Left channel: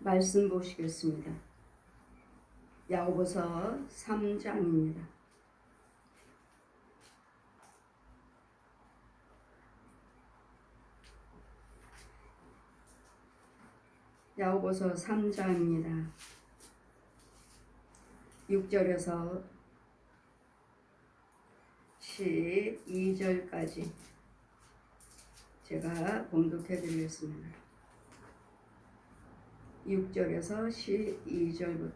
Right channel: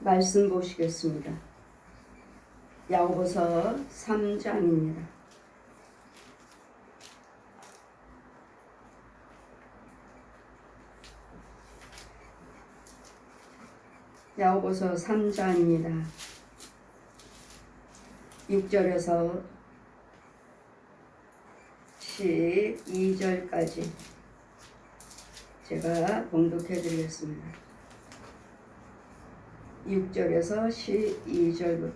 말씀 보시겠습니다. 야고보서 3장입니다. 야고보서 3장입니다. 6절에서 12절까지 제가 봉독해 드리겠습니다. 6절에서 12절부터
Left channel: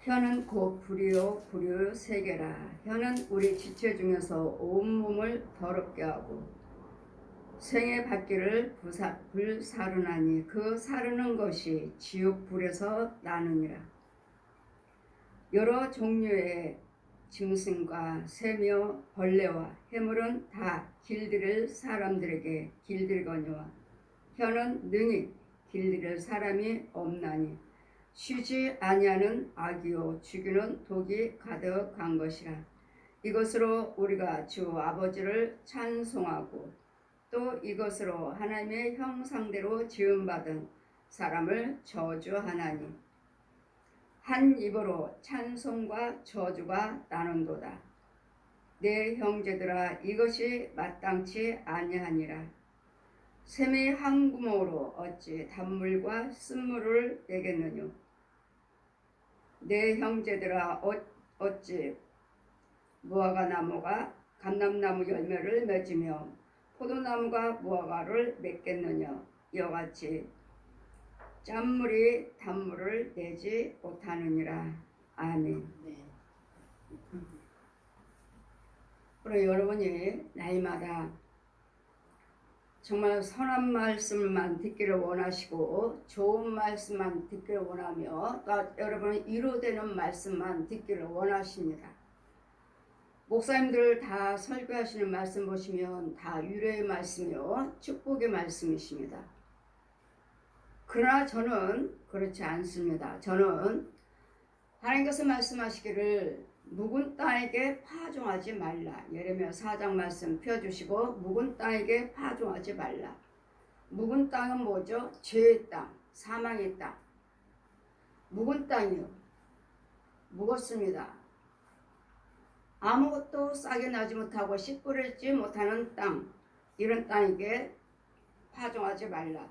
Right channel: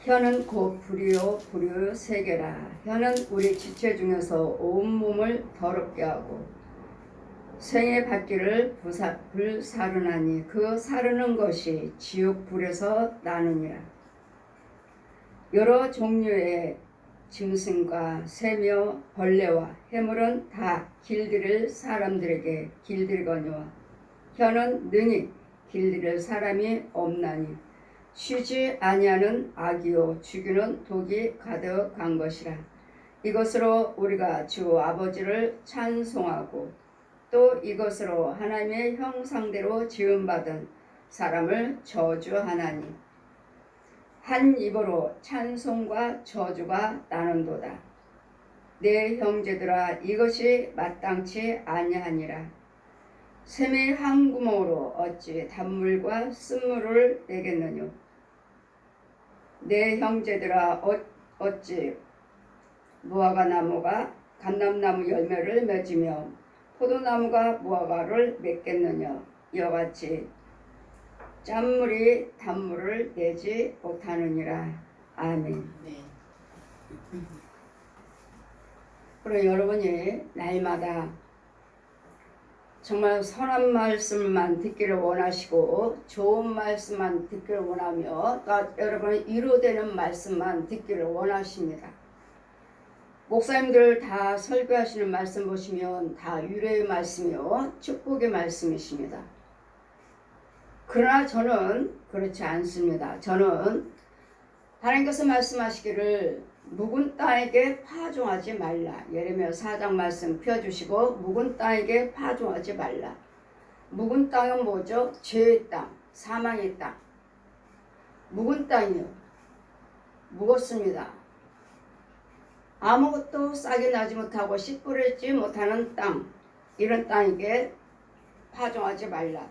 혀는 곧 불이요 불이요 세계라. 혀는 우리 지체 중에서 온몸을 더럽게 하고 생의 받기를 불사르나니 그 사르는 것이 지옥 불에서 나느니라. 여러 종류의 짐승과 새며 벌레와 해물은 다 길들일 사람들에게 길들거니와 혀는 능히 길들일 사람이 없나니 쉬지 아니하는 악이요 죽이는 독이 가득한 것이라. 이것으로 우리가 주 아버지를 찬송하고 또 이것으로 하나님의 형상대로 지음받은 사람을 저주하나니 한 입으로 찬송과 저주가 나는도다. 내 형제들아, 이것이 마땅치 아니하니라. 샘의 한 구멍으로 어찌 단물과 쓴물을 내겠느냐. 내 형제들아, 어찌 무화과 나무가 감람나무 열매를 맺으며 포도나무가 무화과를 맺겠느냐. 이와 같이 짠물이 단물을 내지 못하느니라. 아멘. 네. 그리고 여러분이 날마다 정말 선한 말씀만 듣기를 원하시고 좋은 말씀만 듣기를 원하며 또 여러분의 위로되는 말씀만 듣기를 원하십니다. 목사님들 다 설교하시는 말씀 보시면 다 위로의 말씀이요 축복의 말씀이십니다. 그러나 저는 그렇지 않습니다. 저는 하나님께서 말씀하시기를 묵은 땅에게 파종하지 말라. 예레미야 4장 말씀 펴주시고 묵은 땅에게 파종하지 말라. 묵은 땅은 뭐죠? 죄의 땅, 사망의 땅. 묵은 땅이요. 묵었습니다. 아무것도 싹이 나지 못하고 씨 뿌리지 못하는 땅. 이런 땅에게 파종하지 말라.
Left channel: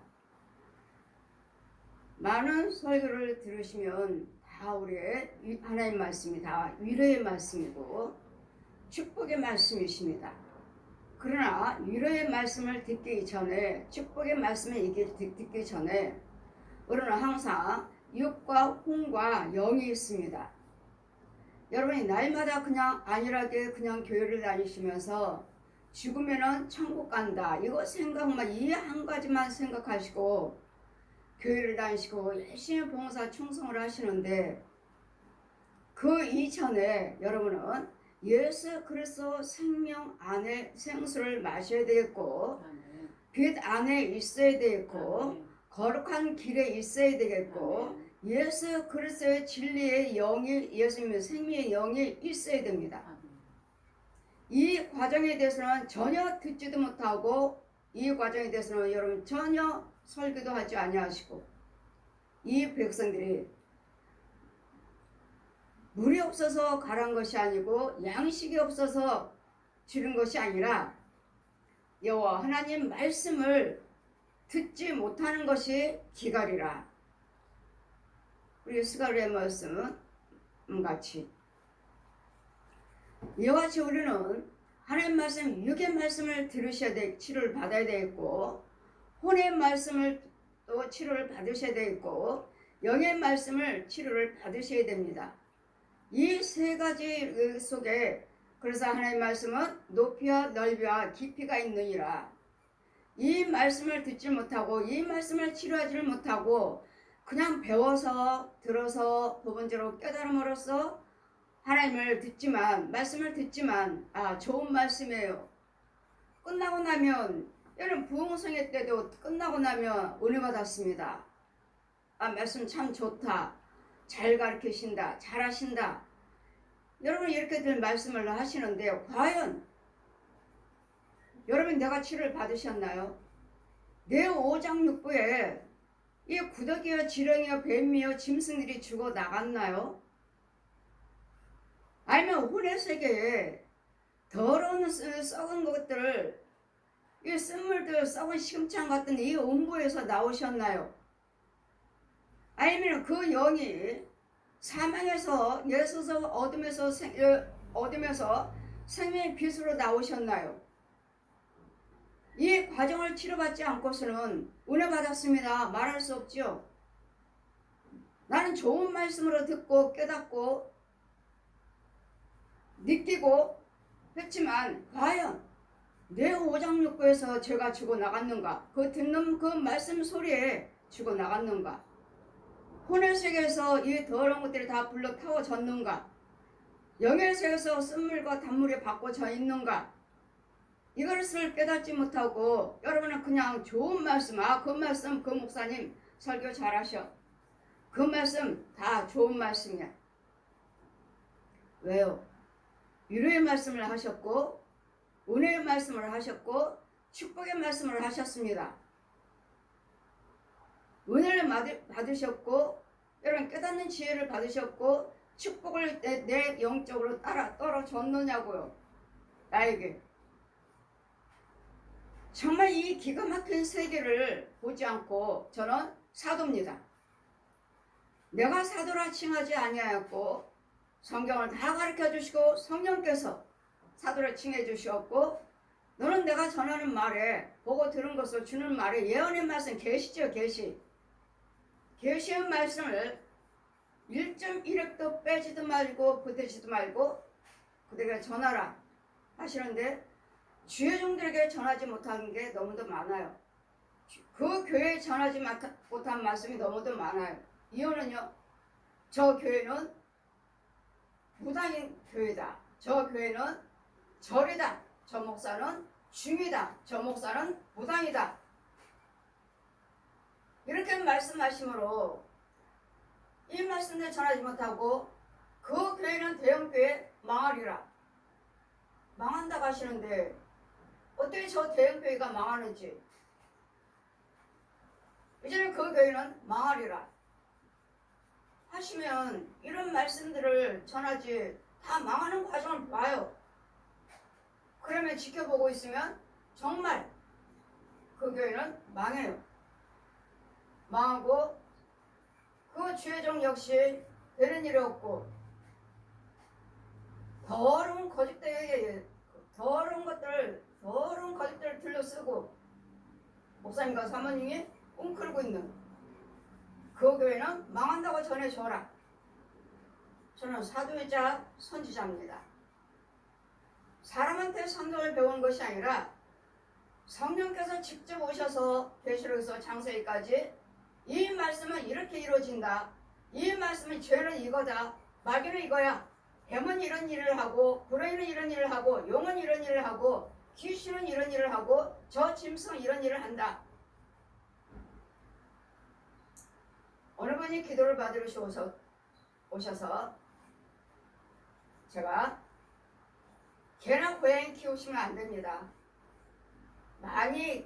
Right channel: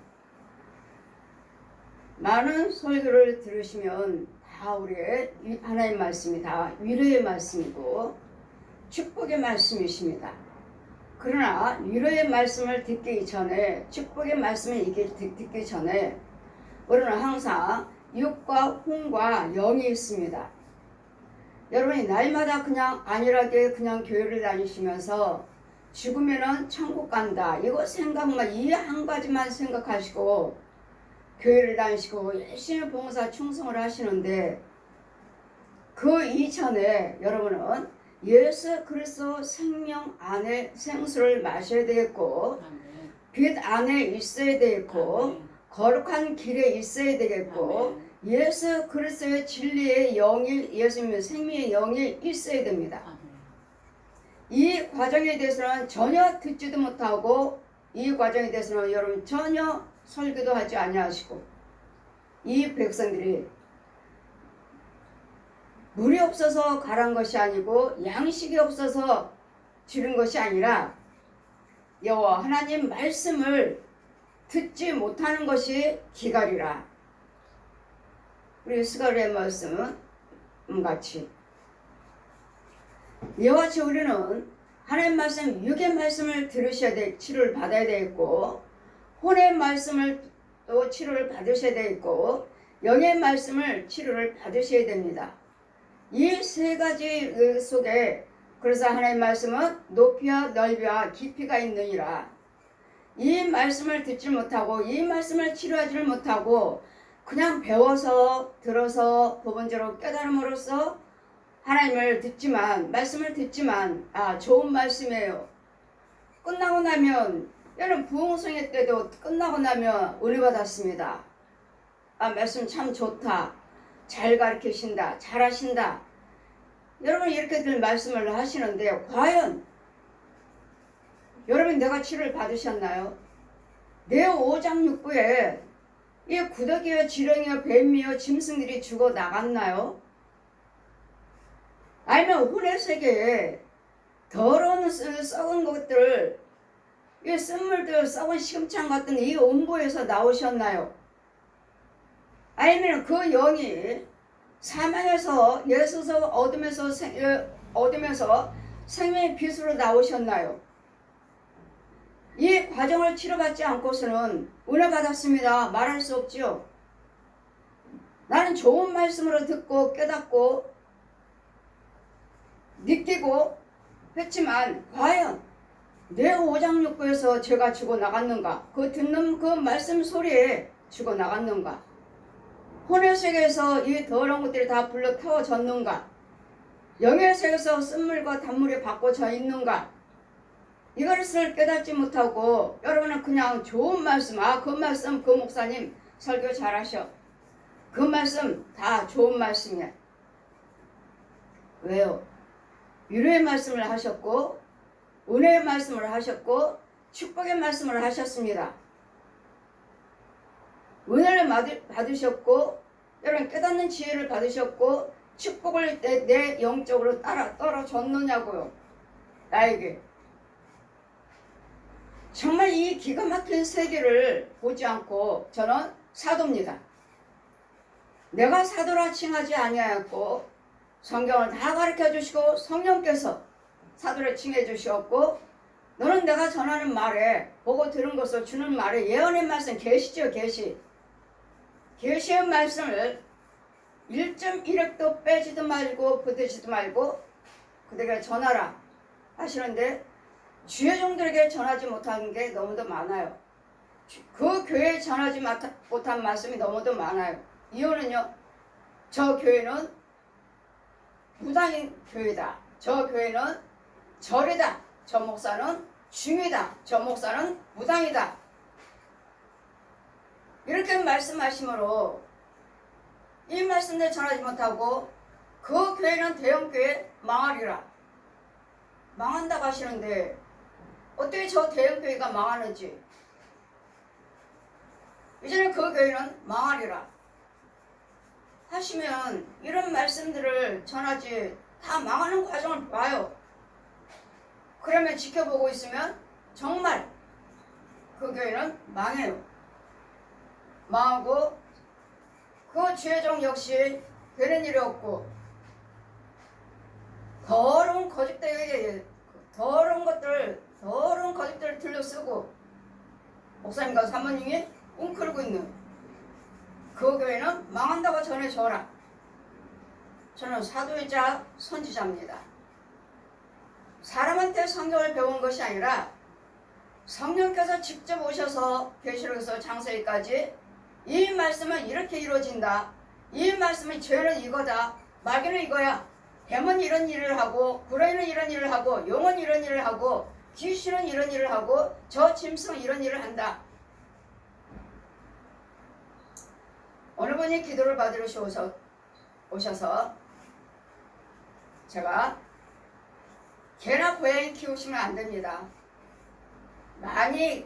많은 설교를 들으시면 다 우리의 하나님 말씀이 다 위로의 말씀이고 축복의 말씀이십니다. 그러나 위로의 말씀을 듣기 전에 축복의 말씀을 듣기 전에 우리는 항상 육과 혼과 영이 있습니다. 여러분이 날마다 그냥 안일하게 그냥 교회를 다니시면서 죽으면은 천국 간다 이거 생각만 이 한 가지만 생각하시고 교회를 다니시고 열심히 봉사 충성을 하시는데 그 이전에 여러분은 예수 그리스도 생명 안에 생수를 마셔야 되겠고 빛 안에 있어야 되겠고 거룩한 길에 있어야 되겠고 예수 그리스도의 진리의 영이 예수님의 생명의 영이 있어야 됩니다. 이 과정에 대해서는 전혀 듣지도 못하고 이 과정에 대해서는 여러분 전혀 설교도 하지 아니하시고 이 백성들이 물이 없어서 가란 것이 아니고 양식이 없어서 지른 것이 아니라 여호와 하나님 말씀을 듣지 못하는 것이 기갈이라. 우리 스가랴의 말씀은 같이 이와 같이 우리는 하나님 말씀 육의 말씀을 들으셔야 돼 치료를 받아야 되겠고 혼의 말씀을 또 치료를 받으셔야 되겠고 영의 말씀을 치료를 받으셔야 됩니다. 이 세 가지 속에 그래서 하나님의 말씀은 높이와 넓이와 깊이가 있느니라. 이 말씀을 듣지 못하고 이 말씀을 치료하지를 못하고 그냥 배워서 들어서 법원적으로 깨달음으로써 하나님을 듣지만 말씀을 듣지만 좋은 말씀이에요. 끝나고 나면 여러분 부흥성회 때도 끝나고 나면 은혜 받았습니다. 말씀 참 좋다. 잘 가르치신다. 잘하신다. 여러분 이렇게들 말씀을 하시는데 과연 여러분 내가 치료를 받으셨나요? 내 5장 6부에 이 구더기와 지렁이와 뱀이와 짐승들이 죽어 나갔나요? 아니면 혼의 세계에 더러운 썩은 것들, 이 쓴물들, 썩은 시금창 같은 이 음부에서 나오셨나요? 아니면 그 영이 사망에서 예수서 어둠에서 생명의 빛으로 나오셨나요? 이 과정을 치료받지 않고서는 은혜 받았습니다 말할 수 없지요. 나는 좋은 말씀으로 듣고 깨닫고 느끼고 했지만 과연 내 오장육부에서 죄가 죽어나갔는가? 그 듣는 그 말씀 소리에 죽어나갔는가? 혼의 세계에서 이 더러운 것들이 다 불러 태워졌는가? 영의 세계에서 쓴물과 단물이 바꿔져 있는가? 이것을 깨닫지 못하고 여러분은 그냥 좋은 말씀, 그 말씀 그 목사님 설교 잘하셔. 그 말씀 다 좋은 말씀이야. 왜요? 위로의 말씀을 하셨고 은혜의 말씀을 하셨고 축복의 말씀을 하셨습니다. 은혜를 받으셨고 여러분 깨닫는 지혜를 받으셨고 축복을 내 영적으로 떨어졌느냐고요. 나에게. 정말 이 기가 막힌 세계를 보지 않고 저는 사도입니다. 내가 사도라 칭하지 아니하였고 성경을 다 가르쳐 주시고 성령께서 사도를 칭해 주셨고 너는 내가 전하는 말에 보고 들은 것을 주는 말에 예언의 말씀 계시죠. 계시의 말씀을 1.1획도 빼지도 말고 붙이지도 말고 그들에게 전하라 하시는데 주의 종들에게 전하지 못한 게 너무도 많아요. 그 교회에 전하지 못한 말씀이 너무도 많아요. 이유는요. 저 교회는 무당인 교회다. 저 교회는 절이다. 저 목사는 중이다. 저 목사는 무당이다. 이렇게 말씀하심으로 이 말씀을 전하지 못하고 그 교회는 대형교회 망하리라. 망한다고 하시는데 어떻게 저 대형교회가 망하는지 이제는 그 교회는 망하리라 하시면 이런 말씀들을 전하지 다 망하는 과정을 봐요. 그러면 지켜보고 있으면 정말 그 교회는 망해요. 망하고 그 죄종 역시 되는 일이 없고 더러운 거짓들을 들려쓰고 목사님과 사모님이 웅크리고 있는 그 교회는 망한다고 전해줘라. 저는 사도이자 선지자입니다. 사람한테 성경을 배운 것이 아니라 성령께서 직접 오셔서 계시록에서 창세기까지 이 말씀은 이렇게 이루어진다. 이 말씀은 죄는 이거다. 마귀는 이거야. 뱀은 이런 일을 하고 구레이는 이런 일을 하고 용은 이런 일을 하고 귀신은 이런 일을 하고 저 짐승은 이런 일을 한다. 어느 분이 기도를 받으러 오셔서 제가 개나 고양이 키우시면 안 됩니다. 많이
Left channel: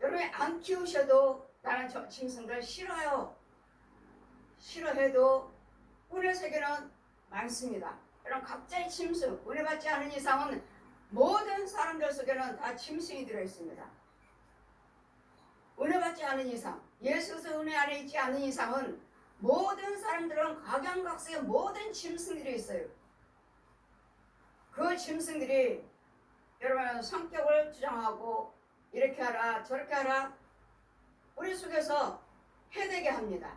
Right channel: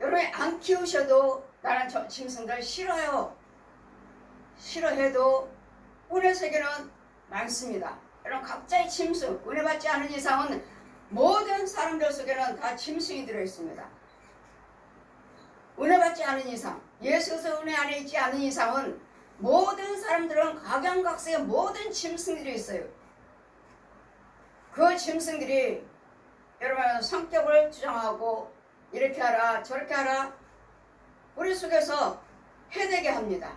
여러분이 안 키우셔도 나는 저 짐승들 싫어요. 싫어해도 은혜 세계는 많습니다. 여러분 각자의 짐승, 은혜 받지 않은 이상은 모든 사람들 속에는 다 짐승이 들어있습니다. 은혜 받지 않은 이상, 예수에서 은혜 안에 있지 않은 이상은 모든 사람들은 각양각색의 모든 짐승들이 있어요. 그 짐승들이 여러분 성격을 주장하고 이렇게 하라 저렇게 하라 우리 속에서 해되게 합니다.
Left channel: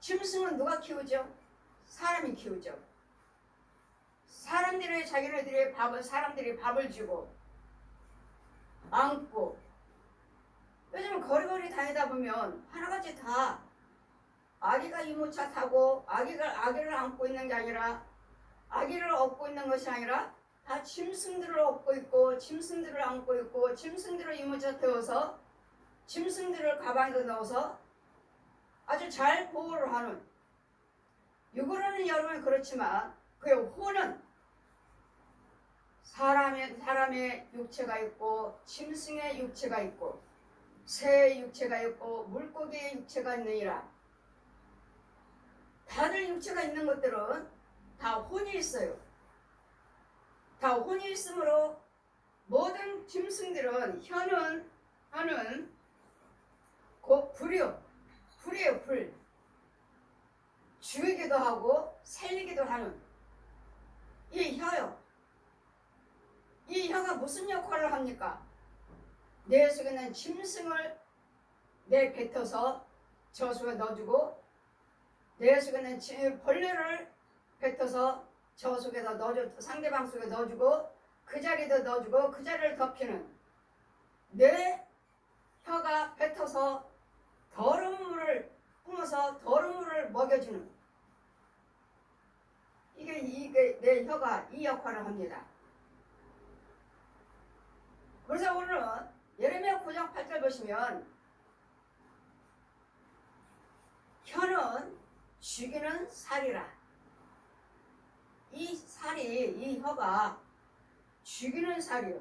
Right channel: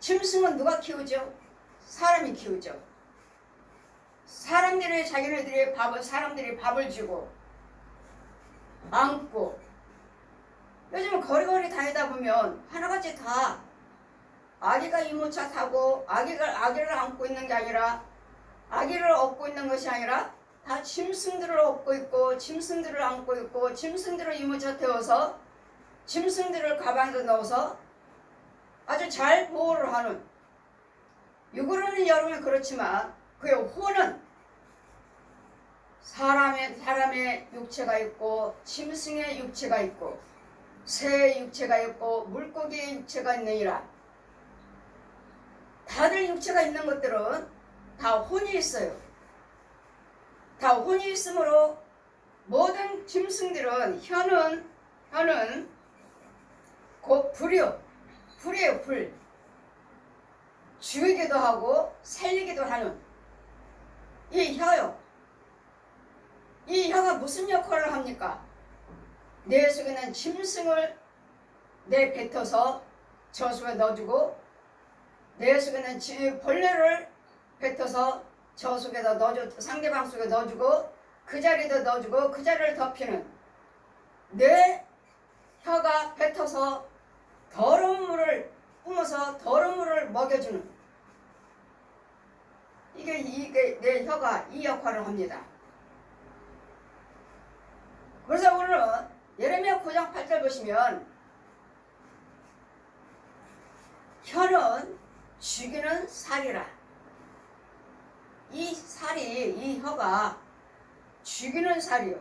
짐승은 누가 키우죠? 사람이 키우죠. 자기네들이 사람들이 밥을 주고 안고 요즘 거리거리 다니다 보면 하나같이 다 아기가 이모차 타고 아기를 안고 있는 게 아니라 아기를 업고 있는 것이 아니라 다 짐승들을 업고 있고 짐승들을 안고 있고 짐승들을 이모차 태워서 짐승들을 가방에다 넣어서 아주 잘 보호를 하는 육으로는 여러분이 그렇지만 그의 혼은 사람의 육체가 있고 짐승의 육체가 있고 새의 육체가 있고 물고기의 육체가 있느니라. 다들 육체가 있는 것들은 다 혼이 있어요. 다 혼이 있으므로 모든 짐승들은 혀는 곧 불이요. 불이에요, 불. 죽이기도 하고 살리기도 하는 이 혀요. 이 혀가 무슨 역할을 합니까? 내 속에 있는 짐승을 내뱉어서 저 속에 넣어주고, 내 속에 있는 벌레를 뱉어서 저 속에다 넣어주고, 상대방 속에 넣어주고, 그 자리도 넣어주고, 그 자리를 덮이는 내 혀가 뱉어서 더러운 물을 뿜어서 더러운 물을 먹여주는, 이게 내 혀가 이 역할을 합니다. 그래서 오늘은 예레미야 9장 8절 보시면 혀는 죽이는 살이라. 이 혀가 죽이는 살이요.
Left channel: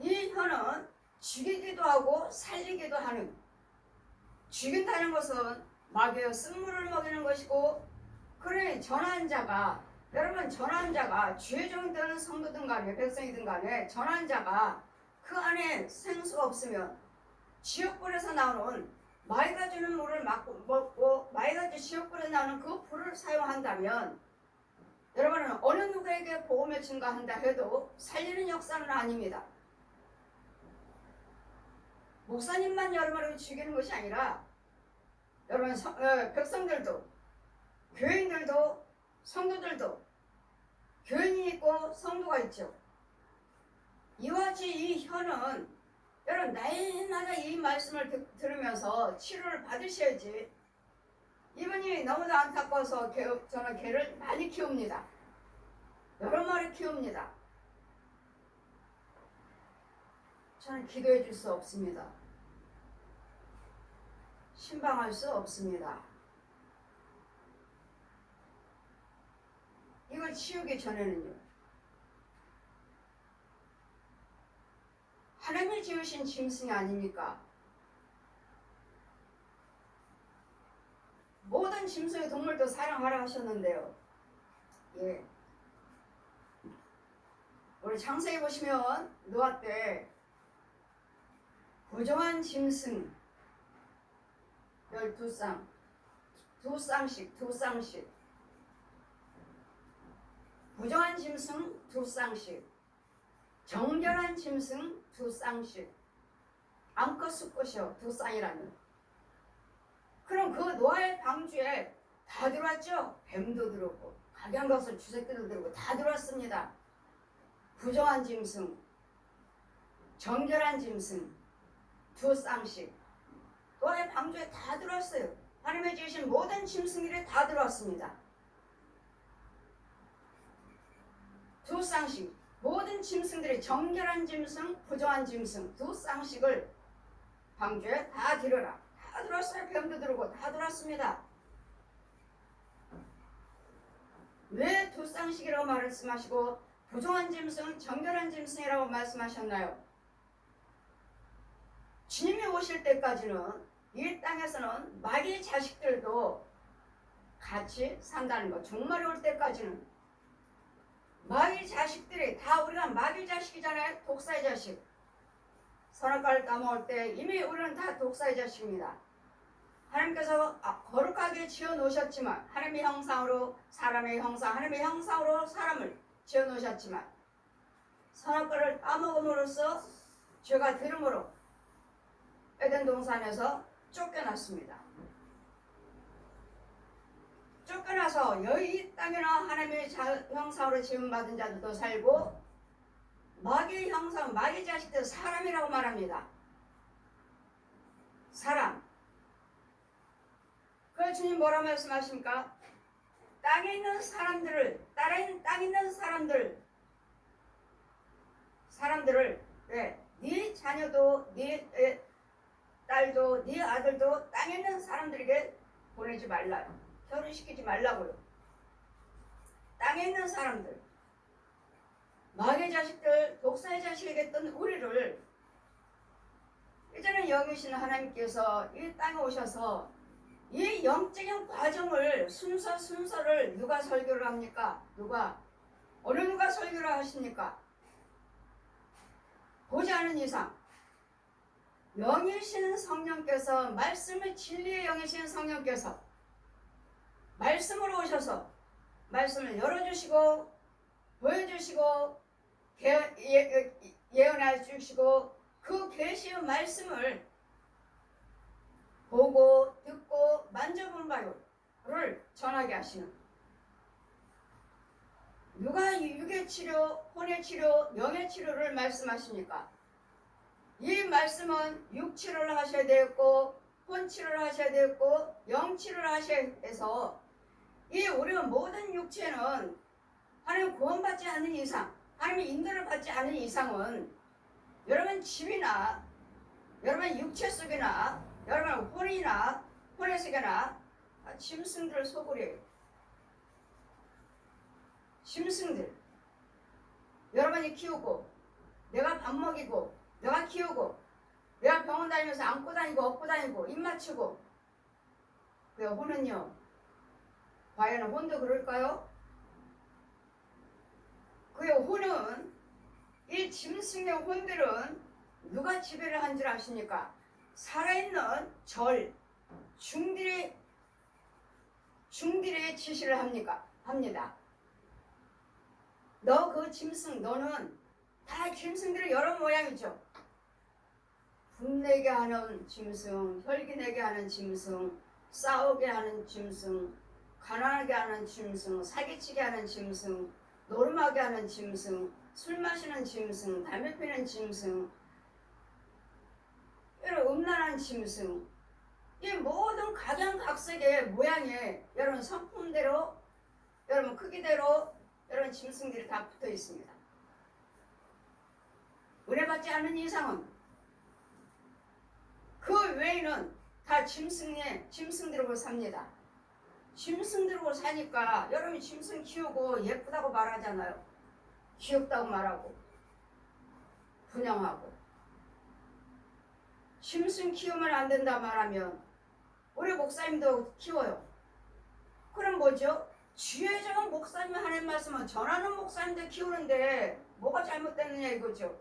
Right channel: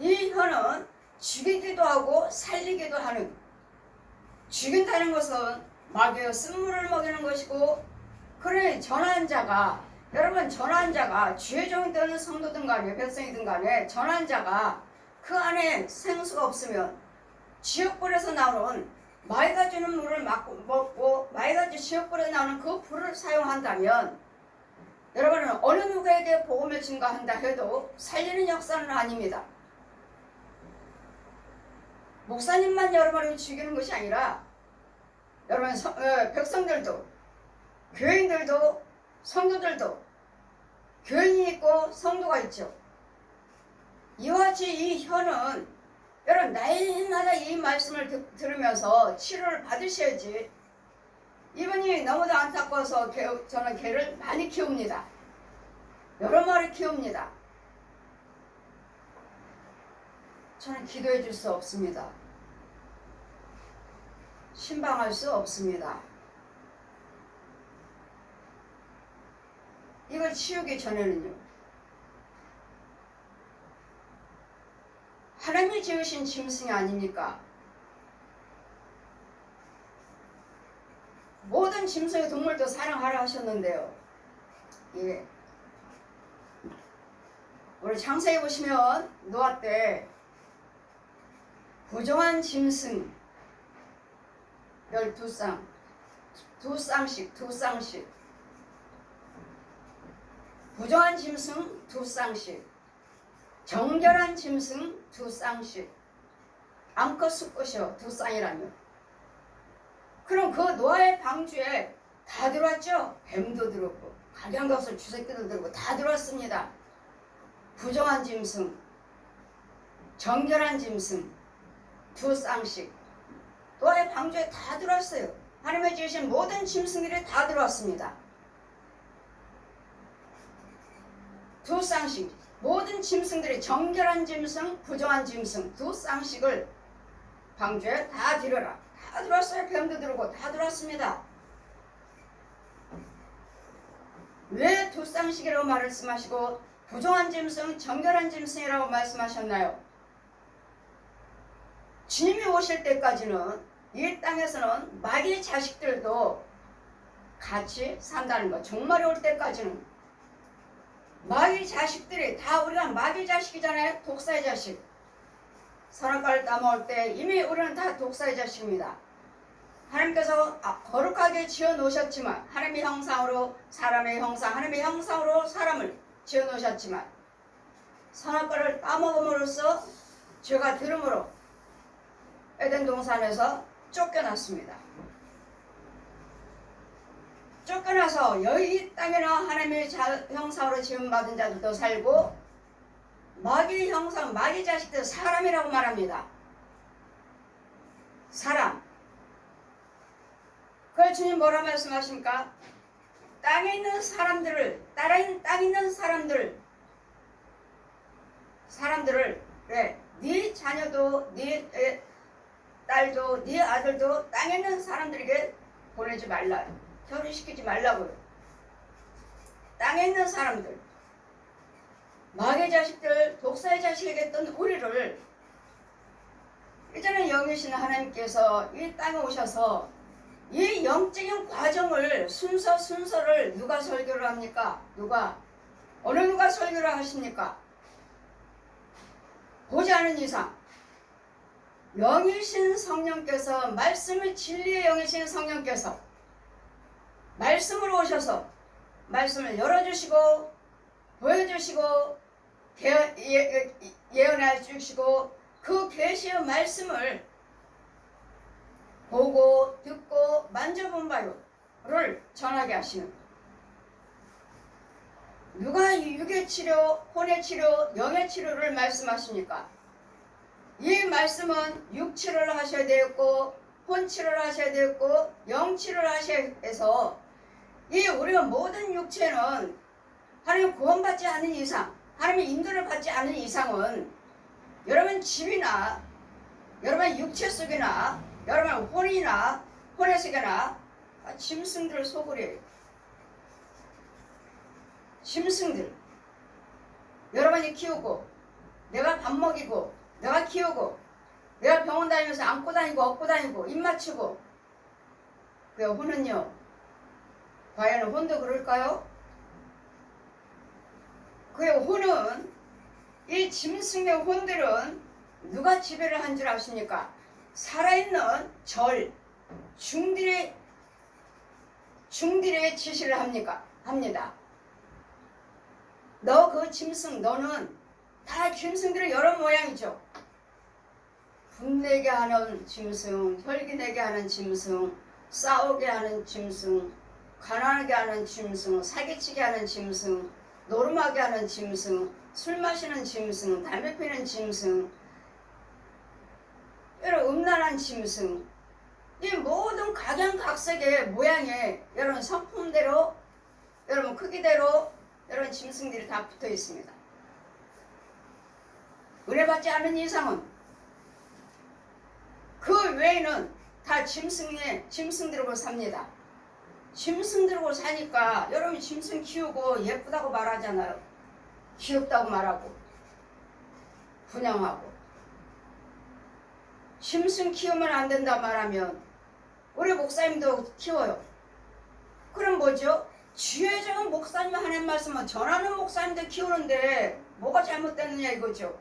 이 혀는 죽이기도 하고 살리기도 하는, 죽인다는 것은 마귀의 쓴물을 먹이는 것이고, 그러니 전한 자가, 여러분 전한 자가 죄종이든 성도든 간에 백성이든 간에 전한 자가 그 안에 생수가 없으면 지옥불에서 나오는 마귀가 주는 물을 먹고 마귀가 지옥불에서 나오는 그 불을 사용한다면 여러분은 어느 누구에게 복음을 증거한다 해도 살리는 역사는 아닙니다. 목사님만 여러분을 죽이는 것이 아니라 여러분 백성들도, 교인들도, 성도들도, 교인이 있고 성도가 있죠. 이와 같이 이 혀는 여러분 날마다 이 말씀을 들으면서 치료를 받으셔야지. 이분이 너무도 안타까워서 저는 개를 많이 키웁니다. 여러 마리 키웁니다. 저는 기도해 줄 수 없습니다. 신방할 수 없습니다. 이걸 치우기 전에는요, 하나님이 지으신 짐승이 아닙니까? 모든 짐승의 동물도 사랑하라 하셨는데요. 예. 우리 창세기 보시면 노아 때 부정한 짐승 12쌍, 두 쌍씩 부정한 짐승 2쌍씩, 정결한 짐승 2쌍씩, 암컷 수컷이요 2쌍이라면 그럼 그 노아의 방주에 다 들어왔죠. 뱀도 들어오고 각양각설 주새끼도 들어오고 다 들어왔습니다. 부정한 짐승, 정결한 짐승 2쌍씩 노아의 방주에 다 들어왔어요. 하나님의 지으신 모든 짐승들이 다 들어왔습니다. 2쌍씩, 모든 짐승들이 정결한 짐승, 부정한 짐승 2쌍씩을 방주에 다 들여라. 다 들어왔어요. 뱀도 들어오고 다 들어왔습니다. 왜 2쌍씩이라고 말씀하시고 부정한 짐승, 정결한 짐승이라고 말씀하셨나요? 주님이 오실 때까지는 이 땅에서는 마귀 자식들도 같이 산다는 것. 종말이 올 때까지는 마귀 자식들이 다, 우리가 마귀 자식이잖아요. 독사의 자식. 선악과를 따먹을 때 이미 우리는 다 독사의 자식입니다. 하나님께서 거룩하게 지어놓으셨지만, 하나님의 형상으로 사람의 형상, 하나님의 형상으로 사람을 지어놓으셨지만 선악과를 따먹음으로써 죄가 들음으로 에덴 동산에서 쫓겨났습니다. 쫓겨나서 여기 땅에는 하나님의 형상으로 지음받은 자들도 살고 마귀 형상, 마귀 자식들 사람이라고 말합니다. 사람. 그걸 주님 뭐라 말씀하십니까? 땅에 있는 사람들을, 땅에 있는 사람들을 네 자녀도, 네 딸도, 네 아들도 땅에 있는 사람들에게 보내지 말라. 결혼시키지 말라고요. 땅에 있는 사람들, 마귀의 자식들, 독사의 자식에게 했던 우리를 이제는 영이신 하나님께서 이 땅에 오셔서 이 영적인 과정을 순서를 누가 설교를 합니까? 어느 누가 설교를 하십니까? 보지 않은 이상 영이신 성령께서, 말씀의 진리의 영이신 성령께서 말씀으로 오셔서 말씀을 열어주시고 보여주시고 예언해 주시고 그 계시의 말씀을 보고 듣고 만져본 바를 전하게 하시는, 누가 육의 치료, 혼의 치료, 영의 치료를 말씀하십니까? 이 말씀은 육 치료를 하셔야 되겠고 혼 치료를 하셔야 되겠고 영 치료를 하셔야 해서 이 우리가 모든 육체는 하나님 구원받지 않는 이상, 하나님의 인도를 받지 않는 이상은 여러분 집이나 여러분 육체 속이나 여러분 혼이나 혼의 속이나 짐승들 속으래요. 짐승들 여러분이 키우고 내가 밥 먹이고 내가 키우고 내가 병원 다니면서 안고 다니고 업고 다니고 입 맞추고, 그 혼은요, 과연 혼도 그럴까요? 그 혼은, 이 짐승의 혼들은 누가 지배를 한 줄 아십니까? 살아있는 중들의 지시를 합니다. 너 그 짐승, 너는 다 짐승들의 여러 모양이죠. 분내게 하는 짐승, 혈기내게 하는 짐승, 싸우게 하는 짐승, 가난하게 하는 짐승, 사기치게 하는 짐승, 노름하게 하는 짐승, 술 마시는 짐승, 담배 피는 짐승, 이런 음란한 짐승, 이 모든 각양각색의 모양의 여러분 성품대로, 여러분 크기대로 여러분 짐승들이 다 붙어 있습니다. 은혜 받지 않는 이상은 그 외에는 다 짐승들하고 삽니다. 짐승들하고 사니까 여러분이 짐승 키우고 예쁘다고 말하잖아요. 귀엽다고 말하고 분양하고. 짐승 키우면 안 된다 말하면 우리 목사님도 키워요. 그럼 뭐죠? 주의 적은 목사님 하나님 말씀은 전하는 목사님도 키우는데 뭐가 잘못됐느냐 이거죠.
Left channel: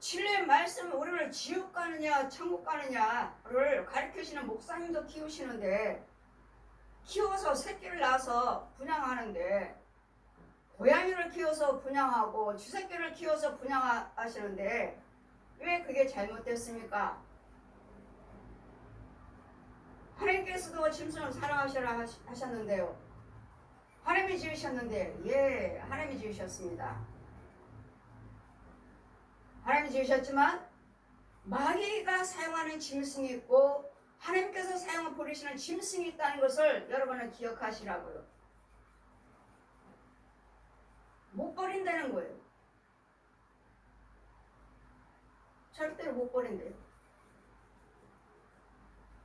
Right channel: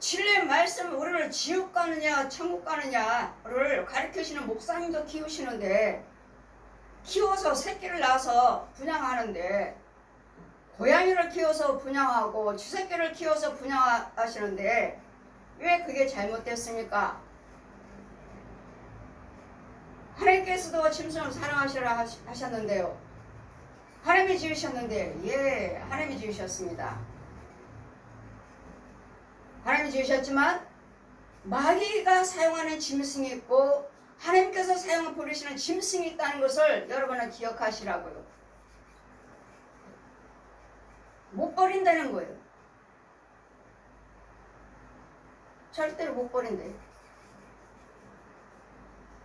진리의 말씀, 우리를 지옥 가느냐 천국 가느냐를 가르치시는 목사님도 키우시는데, 키워서 새끼를 낳아서 분양하는데, 고양이를 키워서 분양하고 쥐새끼를 키워서 분양하시는데 왜 그게 잘못됐습니까? 하나님께서도 짐승을 사랑하시라 하셨는데요. 하나님이 지으셨는데, 예, 하나님이 지으셨습니다. 하나님이 지으셨지만 마귀가 사용하는 짐승이 있고 하나님께서 부르시는 짐승이 있다는 것을 여러분은 기억하시라고요. 못 버린다는 거예요. 절대로 못 버린대요.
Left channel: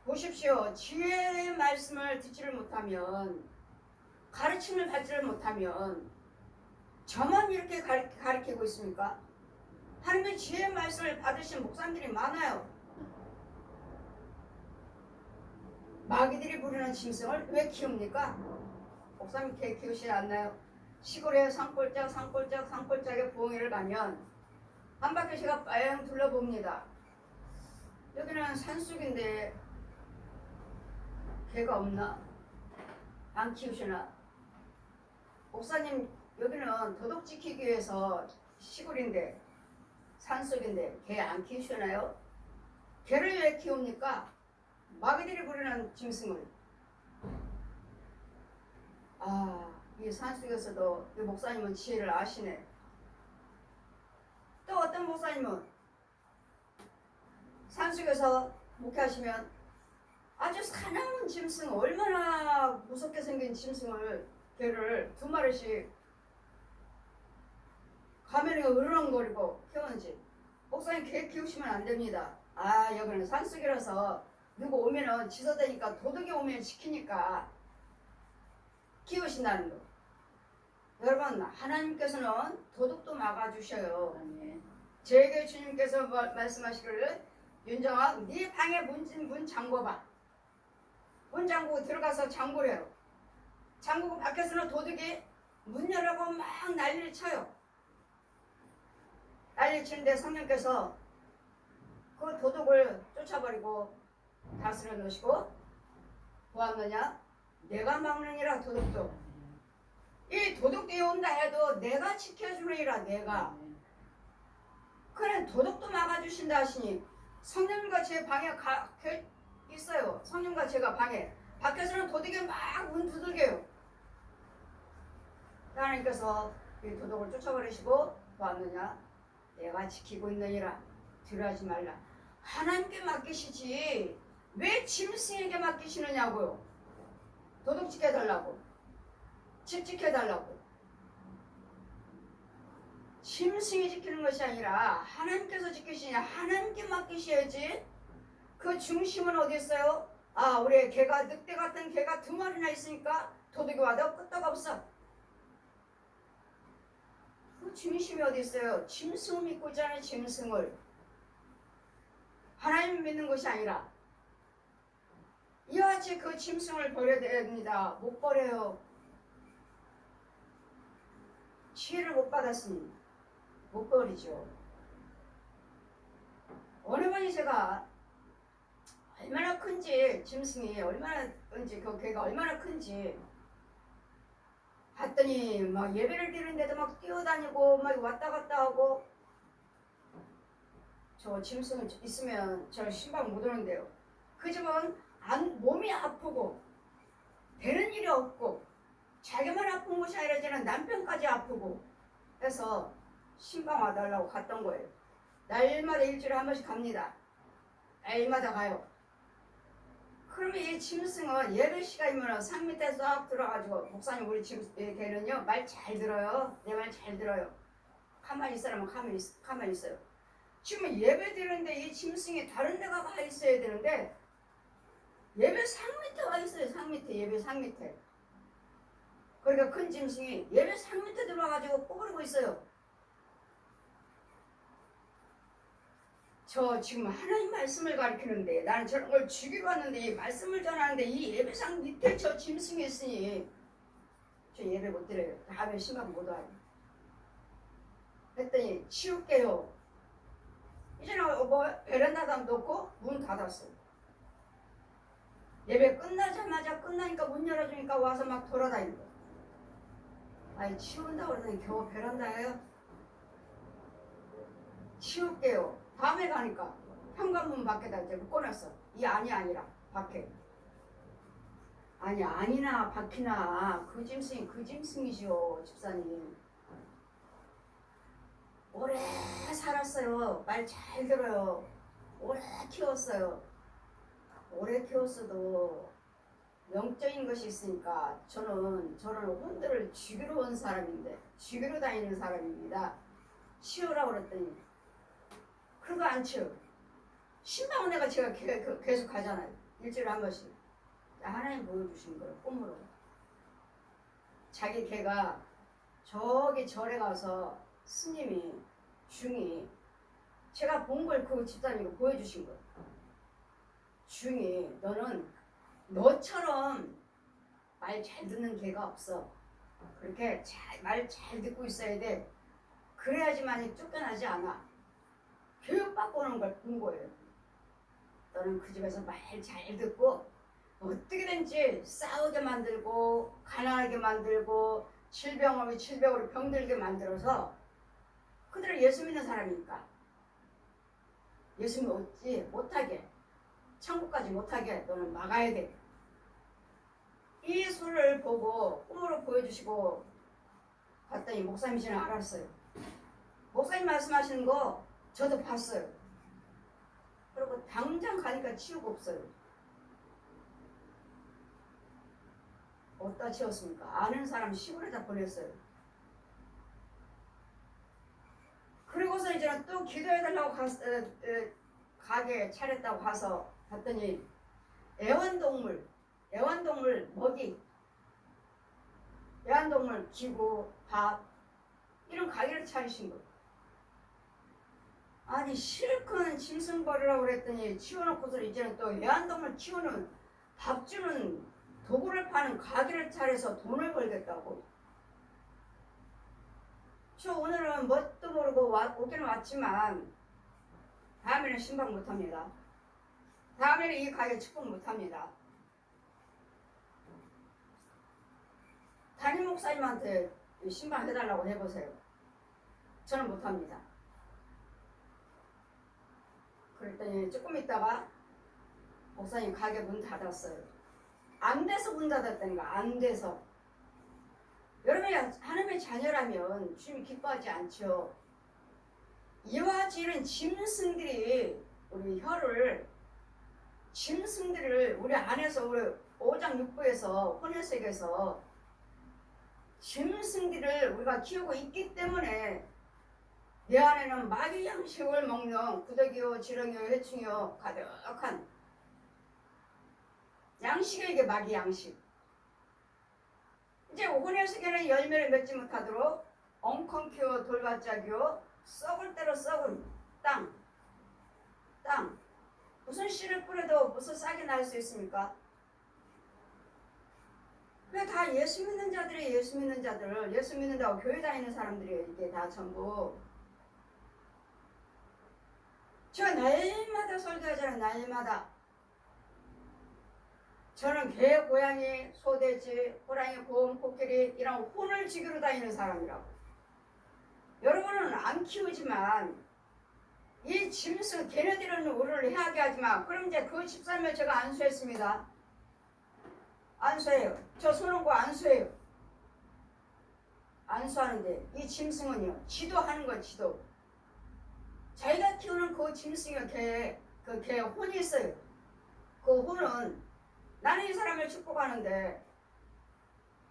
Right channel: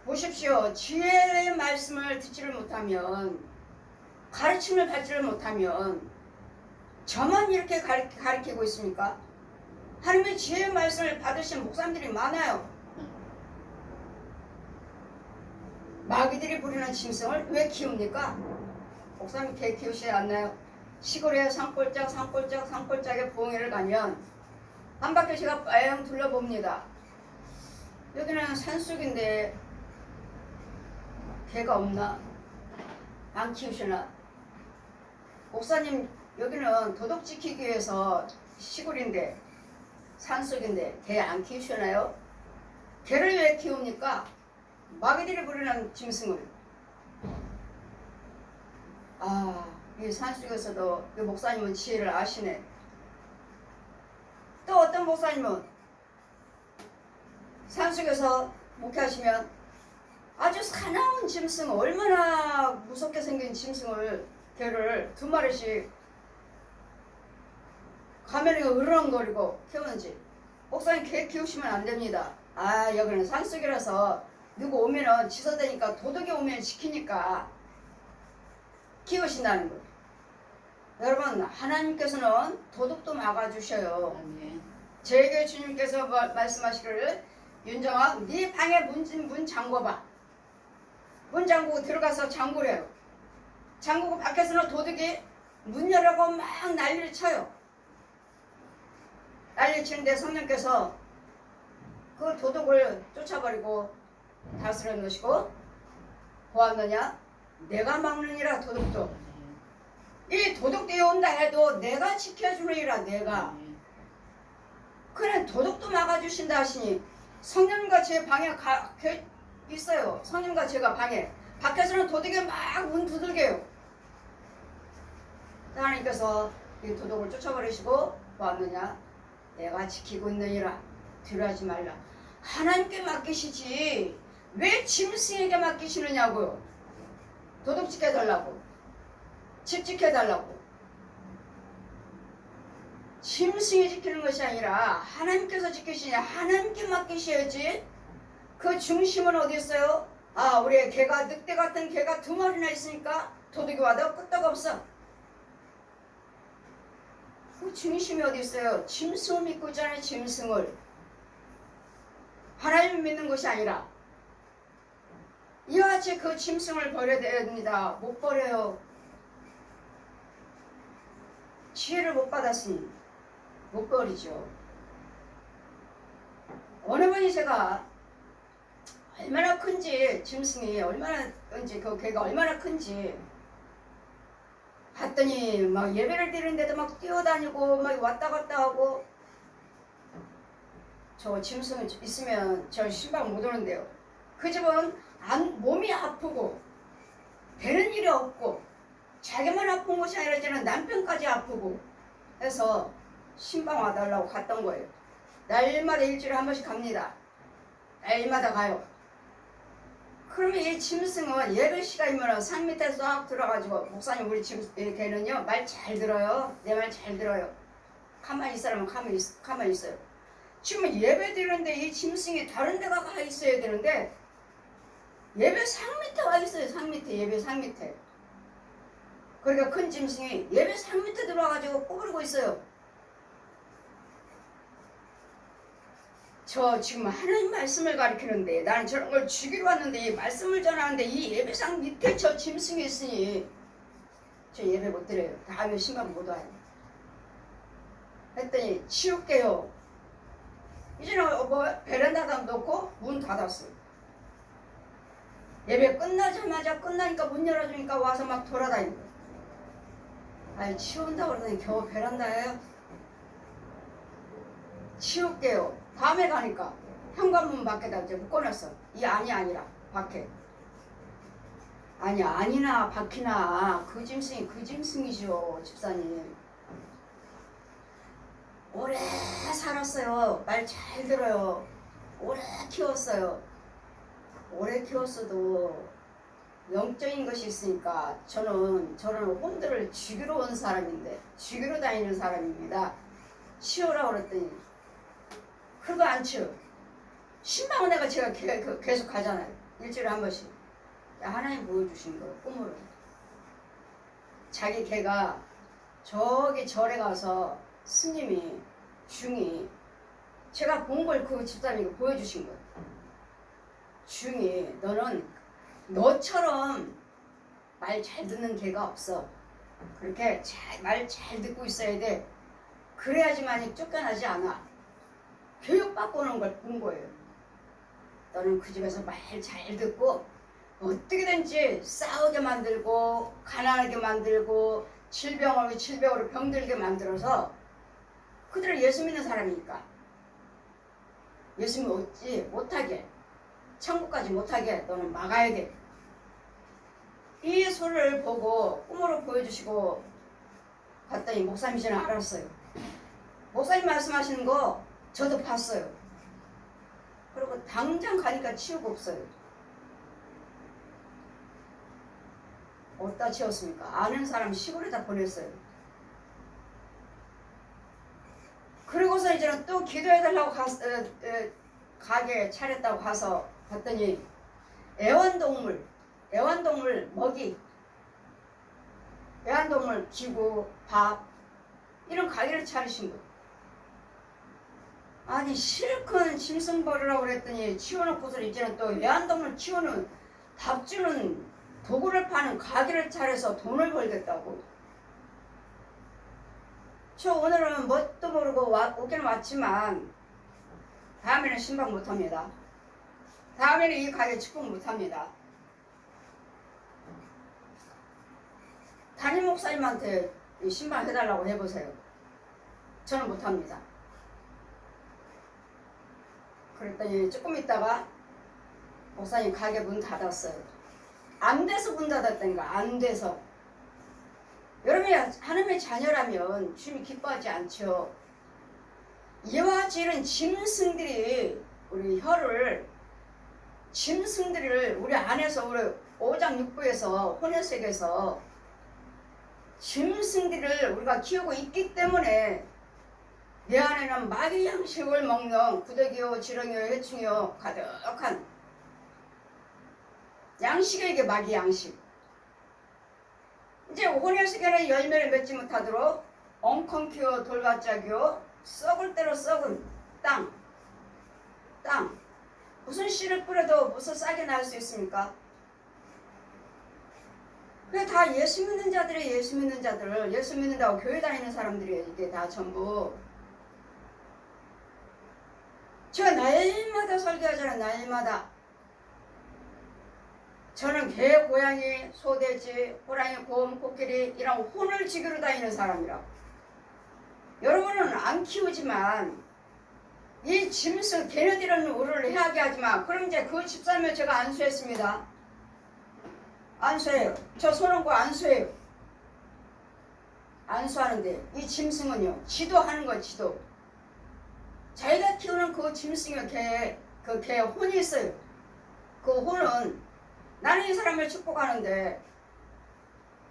보십시오. 지혜의 말씀을 듣지를 못하면, 가르침을 받지를 못하면 저만 이렇게 가르치고 있습니까? 하나님의 지혜의 말씀을 받으신 목사님들이 많아요. 마귀들이 부리는 짐승을 왜 키웁니까? 목사님 개 키우시지 않나요? 시골에 산골짜기에 부흥회를 가면 한 바퀴 제가 빠영 둘러봅니다. 여기는 산속인데 개가 없나? 안 키우시나? 목사님 여기는 도덕 지키기 위해서 시골인데 산속인데 개 안 키우시나요? 개를 왜 키웁니까? 마귀들이 부리는 짐승을. 이 산속에서도 이 목사님은 지혜를 아시네. 또 어떤 목사님은 산속에서 목회하시면 아주 사나운 짐승, 얼마나 무섭게 생긴 짐승을, 개를 2마리씩 가면이 으르렁거리고 키우는지. 목사님 개 키우시면 안 됩니다. 여기는 산속이라서 누구 오면은 지서대니까, 도둑이 오면 지키니까 키우신다는 거예요. 여러분, 하나님께서는 도둑도 막아주셔요. 아멘. 저에게 주님께서 말씀하시기를 윤정아 네 방에 문 잠궈봐. 문 잠그고 들어가서 잠그래요. 잠그고 밖에서는 도둑이 문 열라고 막 난리를 쳐요. 난리를 치는데 성령께서 그 도둑을 쫓아버리고 다스려 놓으시고 보았느냐? 내가 막느니라. 도둑도 이 도둑들이 온다 해도 내가 지켜주느니라. 내가 그래 도둑도 막아주신다 하시니 성령과 제 방에 있어요. 성령과 제가 방에 밖에서는 도둑이 막 문 두들겨요. 하나님께서 이 도둑을 쫓아버리시고 보았느냐? 내가 지키고 있느니라. 두려워하지 말라. 하나님께 맡기시지 왜 짐승에게 맡기시느냐고요. 도둑 지켜달라고, 집 지켜달라고. 짐승이 지키는 것이 아니라 하나님께서 지키시냐. 하나님께 맡기셔야지. 그 중심은 어디 있어요? 아, 우리 개가, 늑대 같은 개가 2마리나 있으니까 도둑이 와도 끄떡 없어. 그 중심이 어디 있어요? 짐승을 믿고 있잖아요. 짐승을. 하나님을 믿는 것이 아니라 이와 같이 그 짐승을 버려야 됩니다. 못 버려요. 지혜를 못 받았으니 못 버리죠. 어느 분이 제가 얼마나 큰지, 짐승이 얼마나 큰지, 그 개가 얼마나 큰지 봤더니 막 예배를 드리는데도 막 뛰어다니고 막 왔다 갔다 하고. 저 짐승 있으면 저 신방 못 오는데요. 그 집은 몸이 아프고 되는 일이 없고 자기만 아픈 것이 아니라 저는 남편까지 아프고 해서 신방 와달라고 갔던 거예요. 날마다 일주일에 한 번씩 갑니다. 날마다 가요. 그러면 이 짐승은 예배 시간이면 산 밑에 싹 들어가지고 목사님 우리 걔는요 말 잘 들어요. 내 말 잘 들어요. 가만히 있으라면 가만히 있어요. 지금 예배 드리는데 이 짐승이 다른 데 가 있어야 되는데 예배 상 밑에 와 있어요. 상 밑에, 예배 상 밑에. 그러니까 큰 짐승이 예배 상 밑에 들어와가지고 꼬부리고 있어요. 저 지금 하나님 말씀을 가르치는데 나는 저런 걸 주기로 왔는데 이 말씀을 전하는데 이 예배상 밑에 저 짐승이 있으니 저 예배 못 드려요. 다음에 신방 못 와요. 했더니 치울게요. 이제는 뭐 베란다다 놓고 문 닫았어요. 예배 끝나니까 문 열어주니까 와서 막 돌아다니고. 아니 치운다고 그러더니 겨우 베란다예요. 치울게요. 다음에 가니까 현관문 밖에다 이제 묶어놨어. 이 안이 아니라 밖에. 아니 아니나 밖이나 그 짐승이 그 짐승이죠. 집사님. 오래 살았어요. 말 잘 들어요. 오래 키웠어요. 오래 키웠어도 영적인 것이 있으니까 저는 혼들을 죽이러 온 사람인데 죽이러 다니는 사람입니다. 치우라고 그랬더니 그거 안 치워. 신방은 내가 제가 계속 가잖아요. 일주일에 한 번씩. 하나님 보여주신 거예요. 꿈으로. 자기 개가 저기 절에 가서 스님이 중이 제가 본 걸 그 집사님이 보여주신 거예요. 중이 너는 너처럼 말 잘 듣는 개가 없어. 그렇게 말 잘 듣고 있어야 돼. 그래야지만이 쫓겨나지 않아. 교육받고 오는 걸 본 거예요. 너는 그 집에서 말 잘 듣고 어떻게든지 싸우게 만들고 가난하게 만들고 질병으로 병들게 만들어서 그들을 예수 믿는 사람이니까 예수 믿지 못하게 천국까지 못하게 너는 막아야 돼. 이 소리를 보고 꿈으로 보여주시고 갔더니 목사님이시는 알았어요. 목사님 말씀하시는 거 저도 봤어요. 그리고 당장 가니까 치우고 없어요. 어디다 치웠습니까? 아는 사람 시골에다 보냈어요. 그리고서 이제는 또 기도해달라고 가게 차렸다고 가서 봤더니 애완동물 먹이, 애완동물 기구, 밥 이런 가게를 차리신 거예요. 아니 실컷 짐승 버리라고 그랬더니 치워놓고서 이제는 또 애완동물 키우는 밥 주는 도구를 파는 가게를 차려서 돈을 벌겠다고. 저 오늘은 뭣도 모르고 오기는 왔지만 다음에는 신방 못합니다. 다음에는 이 가게 축복 못합니다. 담임 목사님한테 신방 해달라고 해보세요. 저는 못합니다. 그랬더니 조금 있다가 목사님 가게 문 닫았어요. 안 돼서 문 닫았다니까. 안 돼서. 여러분이 하나님의 자녀라면 주님이 기뻐하지 않죠. 이와 같이 이런 짐승들이 우리 혀를 짐승들을 우리 안에서 우리 5장 6부에서 혼혈색에서 짐승들을 우리가 키우고 있기 때문에 내 안에는 마귀 양식을 먹는 구더기요 지렁이요 해충이요 가득한 양식에게 마귀 양식. 이제 혼혈색에는 열매를 맺지 못하도록 엉컹키요 돌밭짝이요 썩을 대로 썩은 땅. 무슨 씨를 뿌려도 무슨 싹이 날 수 있습니까? 그게 다 예수 믿는 자들이 예수 믿는다고 교회 다니는 사람들이에요. 이게 다 전부. 제가 날마다 설교하잖아요. 날마다. 저는 개, 고양이, 소돼지, 호랑이, 곰, 코끼리 이런 혼을 지기로 다니는 사람이라고. 여러분은 안 키우지만 이 짐승 걔네들은 우리를 해하게 하지만 그럼 이제 그 집사람을 제가 안수했습니다. 안수해요. 저 손은 거 안수해요. 안수하는데 이 짐승은요 지도하는 거 지도. 자기가 키우는 그 짐승의 개 혼이 있어요. 그 혼은 나는 이 사람을 축복하는데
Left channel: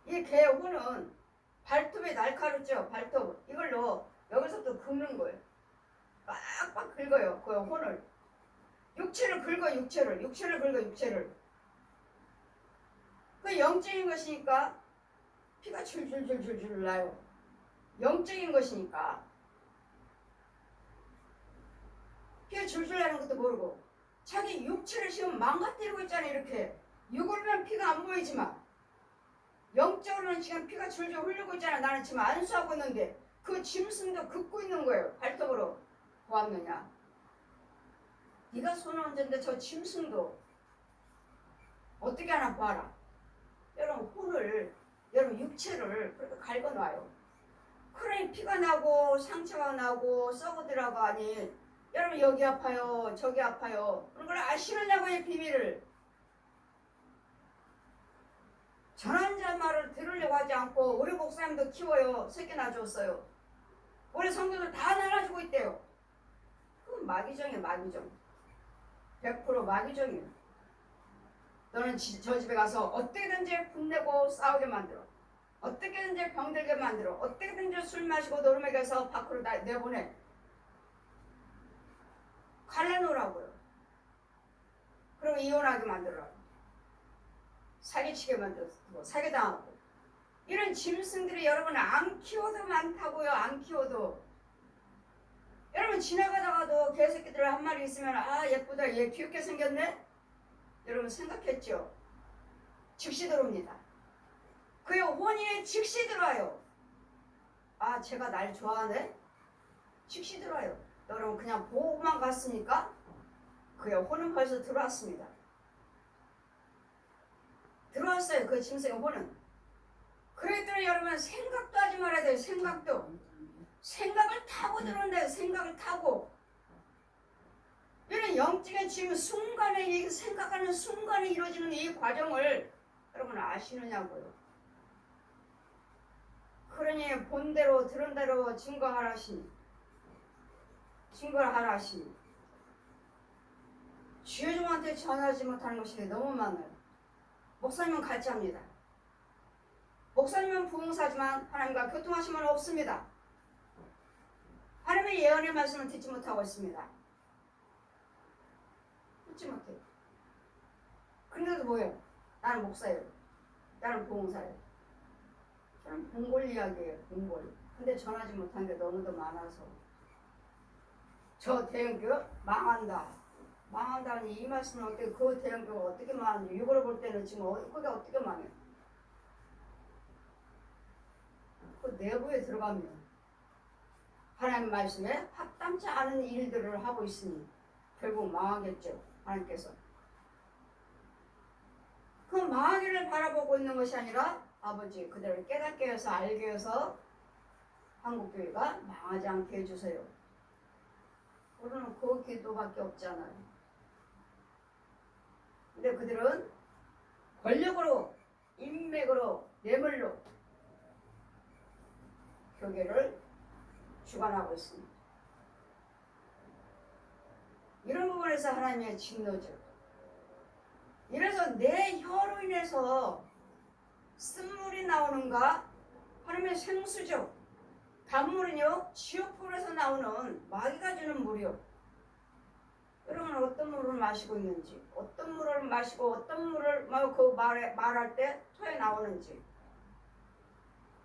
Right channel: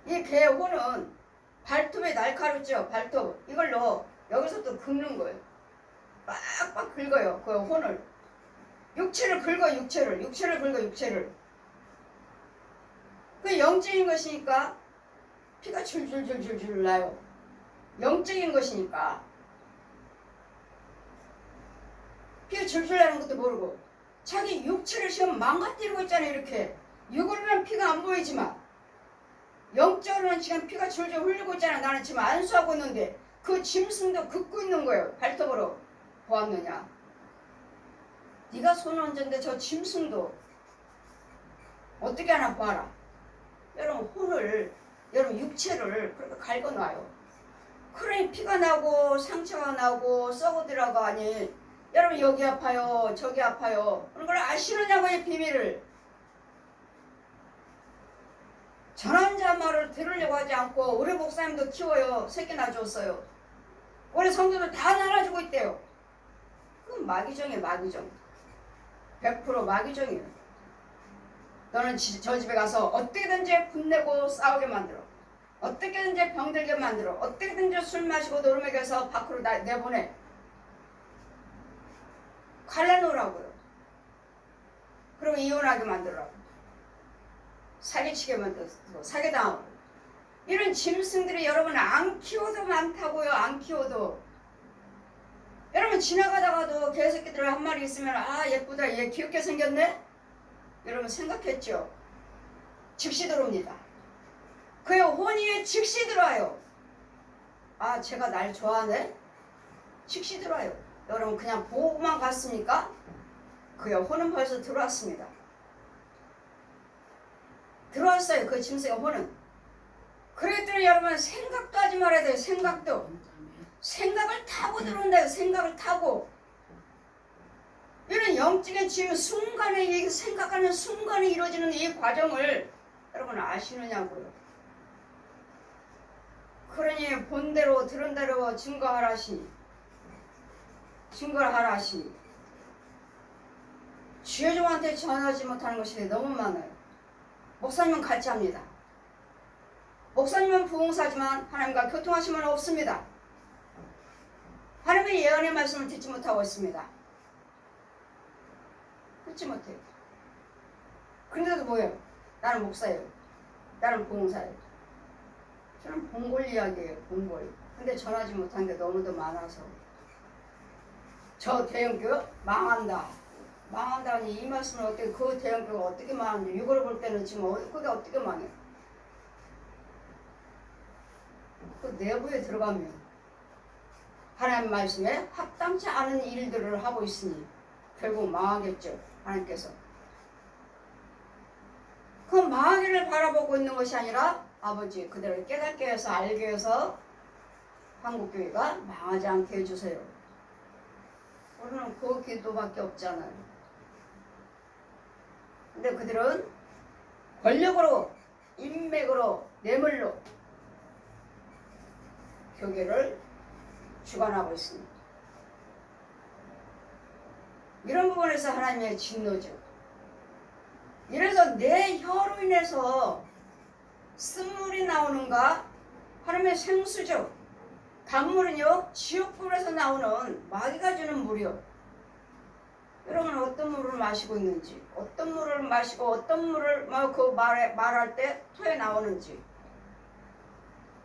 이 개 혼은 발톱에 날카롭죠. 발톱 이걸로 여기서부터 긁는 거예요. 빡빡 긁어요. 그 혼을. 육체를 긁어 육체를. 그 영적인 것이니까 피가 줄줄줄줄줄 나요. 영적인 것이니까 피가 줄줄 나는 것도 모르고 자기 육체를 지금 망가뜨리고 있잖아요. 이렇게 육으로는 피가 안 보이지만 영적으로는 지금 피가 줄줄 흘리고 있잖아. 나는 지금 안수하고 있는데 그 짐승도 긋고 있는 거예요. 발톱으로 보았느냐. 네가 손을 얹었는데 저 짐승도 어떻게 하나 봐라. 여러분 혼을 여러분 육체를 그렇게 갉아놔요. 그러니 피가 나고 상처가 나고 썩어들어가 하니 여러분 여기 아파요 저기 아파요 그런 걸 아시느냐고. 이 비밀을. 전한 자 말을 들으려고 하지 않고 우리 목사님도 키워요. 새끼 낳아줬어요. 우리 성도들 다 낳아주고 있대요. 그건 마귀정이에요. 마귀정. 100% 마귀정이에요. 너는 저 집에 가서 어떻게든지 분내고 싸우게 만들어. 어떻게든지 병들게 만들어. 어떻게든지 술 마시고 노름에게서 밖으로 내보내. 갈라놓으라고요. 그리고 이혼하게 만들라고. 사기치게 만들고 사기당하고. 이런 짐승들이 여러분 안 키워도 많다고요. 안 키워도. 여러분 지나가다가도 개새끼들 한 마리 있으면 아 예쁘다 얘 귀엽게 생겼네. 여러분 생각했죠? 즉시 들어옵니다. 그의 혼이 즉시 들어와요. 아 제가 날 좋아하네? 즉시 들어와요. 여러분 그냥 보고만 갔습니까? 그의 혼은 벌써 들어왔습니다. 들어왔어요. 그 짐승의 혼은. 그랬더니 여러분 생각도 하지 말아야 돼요. 생각을 타고 들어온다요. 생각을 타고. 이런 영적인 지금 순간에 생각하는 순간에 이루어지는 이 과정을 여러분 아시느냐고요. 그러니 본대로 들은 대로 증거를 하라 하시니 주의 종한테 전하지 못하는 것이 너무 많아요. 목사님은 같이 합니다. 목사님은 부흥사지만 하나님과 교통하심은 없습니다. 하나님의 예언의 말씀을 듣지 못하고 있습니다. 듣지 못해요. 그런데도 뭐예요? 나는 목사예요. 나는 부흥사예요. 저는 봉골 이야기예요. 봉골. 근데 전하지 못한 게 너무도 많아서 저 대형교회 망한다. 망한다니 이 말씀은 어떻게 그 대형교회가 어떻게 망하는지 6월을 볼 때는 지금 그게 어떻게 망해? 그 내부에 들어가면 하나님 말씀에 합당치 않은 일들을 하고 있으니 결국 망하겠죠. 하나님께서. 그 망하기를 바라보고 있는 것이 아니라 아버지 그대를 깨닫게 해서 알게 해서 한국교회가 망하지 않게 해주세요. 우리는 그 기도밖에 없잖아요. 근데 그들은 권력으로 인맥으로 뇌물로 교계를 주관하고 있습니다. 이런 부분에서 하나님의 진노죠. 이래서 내 혀로 인해서 쓴물이 나오는가? 하나님의 생수죠. 단물은요 지옥불에서 나오는 마귀가 주는 물이요. 여러분 어떤 물을 마시고 있는지, 어떤 물을 마시고 어떤 물을 말할 때 토해 나오는지.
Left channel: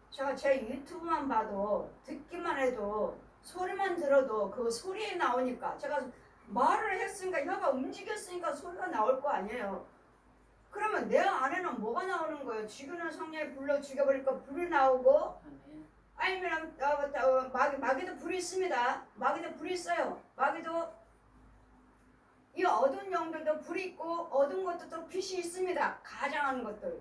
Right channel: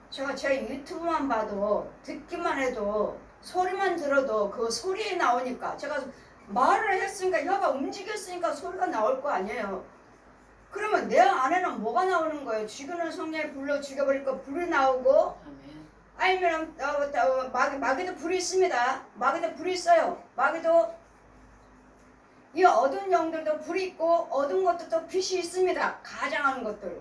제가 제 유튜브만 봐도 듣기만 해도 소리만 들어도 그 소리에 나오니까 제가 말을 했으니까 혀가 움직였으니까 소리가 나올 거 아니에요. 그러면 내 안에는 뭐가 나오는 거예요? 죽이는 성령이 불로 죽여버리니까 불이 나오고 아니면 마귀도 불이 있습니다. 마귀도 불이 있어요. 마귀도 이 어두운 영들도 불이 있고 어두운 것도 빛이 있습니다. 가장하는 것들.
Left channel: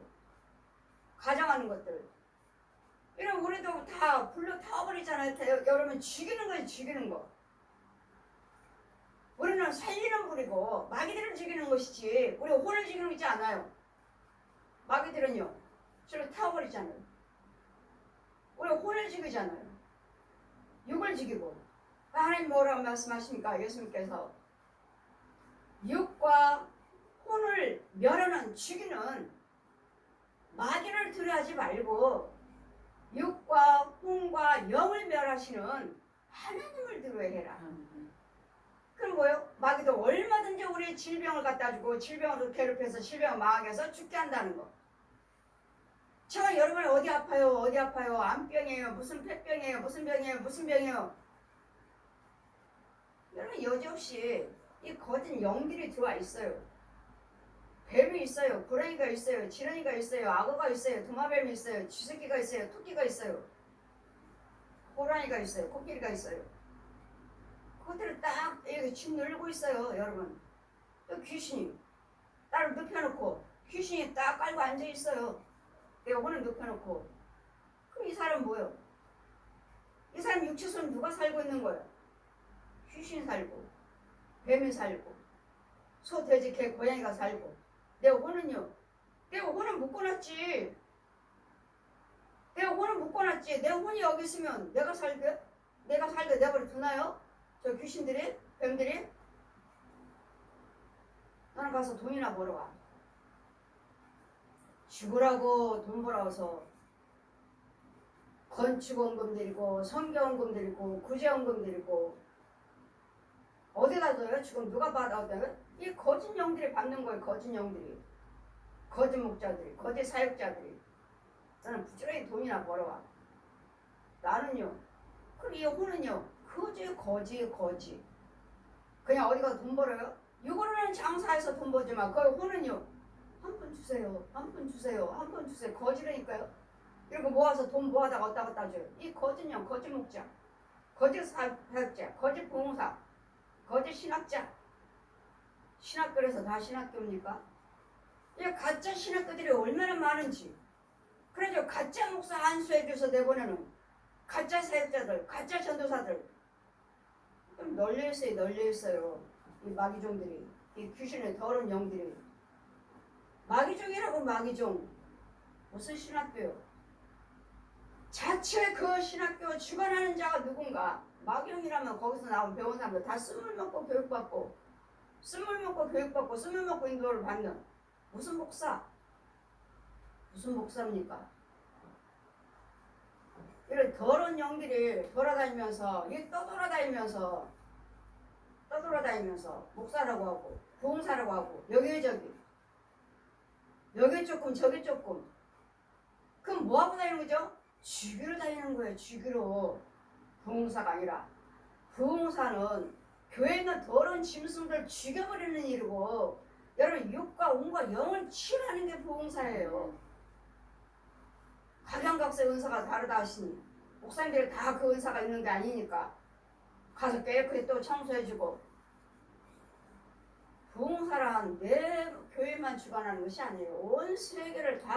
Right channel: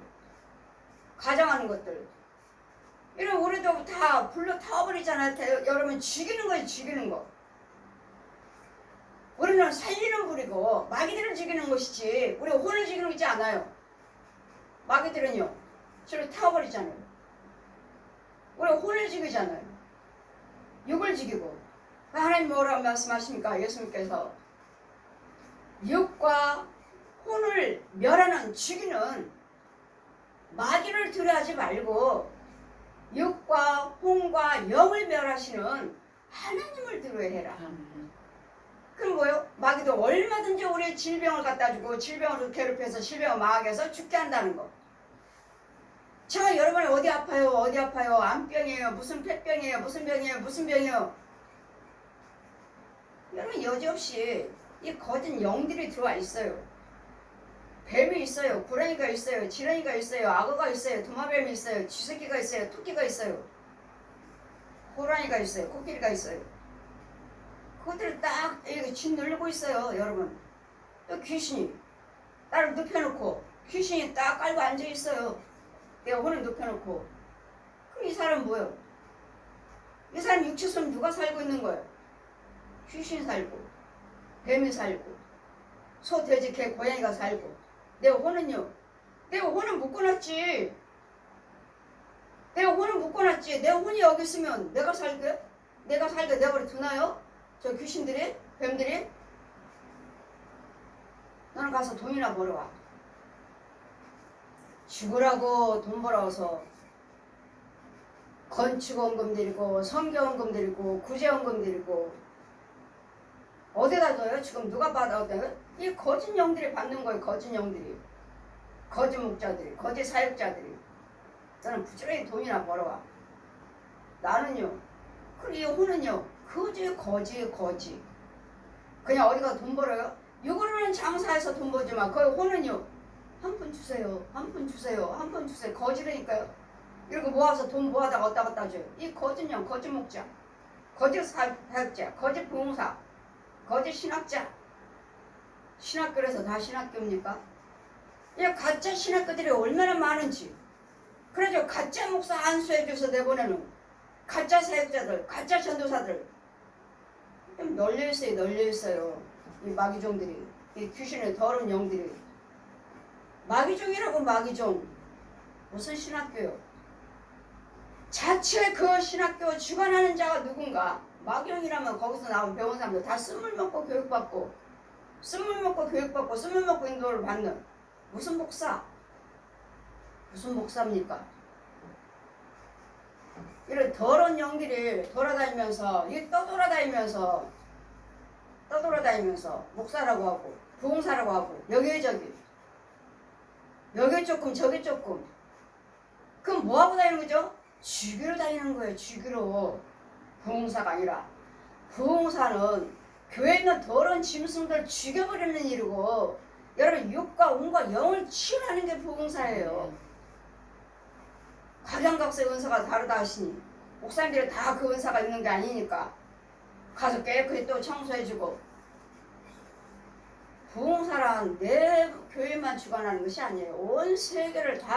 이런 우리도 다 불로 타버리잖아요. 여러분 죽이는 거예요. 죽이는 거. 우리는 살리는 불이고 마귀들을 죽이는 것이지 우리 혼을 죽이는 거지 않아요. 마귀들은요. 저를 타버리잖아요. 우리 혼을 죽이잖아요. 육을 죽이고. 하나님 뭐라고 말씀하십니까? 예수님께서 육과 혼을 멸하는 죽이는 마귀를 두려워하지 말고 육과 혼과 영을 멸하시는 하나님을 두려워해라. 그럼 뭐요? 마귀도 얼마든지 우리의 질병을 갖다 주고 질병으로 괴롭혀서 질병을 망하게 해서 죽게 한다는 거. 제가 여러분이 어디 아파요? 암병이에요? 무슨 폐병이에요? 무슨 병이에요? 여러분 여지없이 이 거짓 영들이 들어와 있어요. 뱀이 있어요. 고라니가 있어요. 지렁이가 있어요. 악어가 있어요. 도마뱀이 있어요. 쥐새끼가 있어요. 토끼가 있어요. 호랑이가 있어요. 코끼리가 있어요. 그것들을 딱 쥐 누르고 있어요. 여러분. 또 귀신이 나를 눕혀놓고 귀신이 딱 깔고 앉아있어요. 내가 혼을 눕혀놓고. 그럼 이 사람은 뭐예요? 이 사람 육체선 누가 살고 있는 거예요? 귀신이 살고 뱀이 살고 소, 돼지, 개, 고양이가 살고 내 혼은요? 내가 혼은 묶어놨지. 내 혼이 여기 있으면 내가 살게 내버려 두나요? 저 귀신들이? 뱀들이? 너는 가서 돈이나 벌어와. 죽으라고 돈 벌어서 건축원금 드리고 성경원금 드리고 구제원금 드리고 어디다 줘요? 지금 누가 받아요? 이 거짓 영들이 받는 거예요. 거짓 영들이. 거짓 목자들이. 거짓 사역자들이. 너는 부지런히 돈이나 벌어와. 나는요. 그리고 이 혼은요. 거지. 그냥 어디가 돈 벌어요? 이거는 장사해서 돈 벌지만 그 혼은요. 한 푼 주세요. 거지라니까요. 이렇게 모아서 돈 모아다가 어디다 갖다 줘요. 이 거짓 영, 거짓 목자. 거짓 사역자. 거짓 부흥사. 거짓 신학자. 신학교에서 다 신학교입니까? 이 가짜 신학교들이 얼마나 많은지. 그래서 가짜 목사 안수해줘서 내보내는 가짜 사역자들, 가짜 전도사들 좀 널려있어요. 이 마귀종들이, 이 귀신의 더러운 영들이. 마귀종이라고 마귀종. 무슨 신학교요? 자체 그 신학교 주관하는 자가 누군가. 마귀종이라면 거기서 나온 병원 사람들 다 쓴물 먹고 교육받고 쓴물 먹고 인도를 받는 무슨 목사입니까? 이런 더러운 영들이 떠돌아다니면서 목사라고 하고 부흥사라고 하고 여기저기 조금 저기 조금. 그럼 뭐하고 다니는 거죠? 죽이러 다니는 거예요. 죽이러. 부흥사가 아니라 부흥사는 교회에 있는 더러운 짐승들 죽여버리는 일이고, 여러분 육과 운과 영을 치유하는 게 부흥사예요. 각양각색 은사가 다르다 하시니 목사님들이 다 그 은사가 있는 게 아니니까 가서 깨끗이 또 청소해주고. 부흥사란 내 교회만 주관하는 것이 아니에요. 온 세계를 다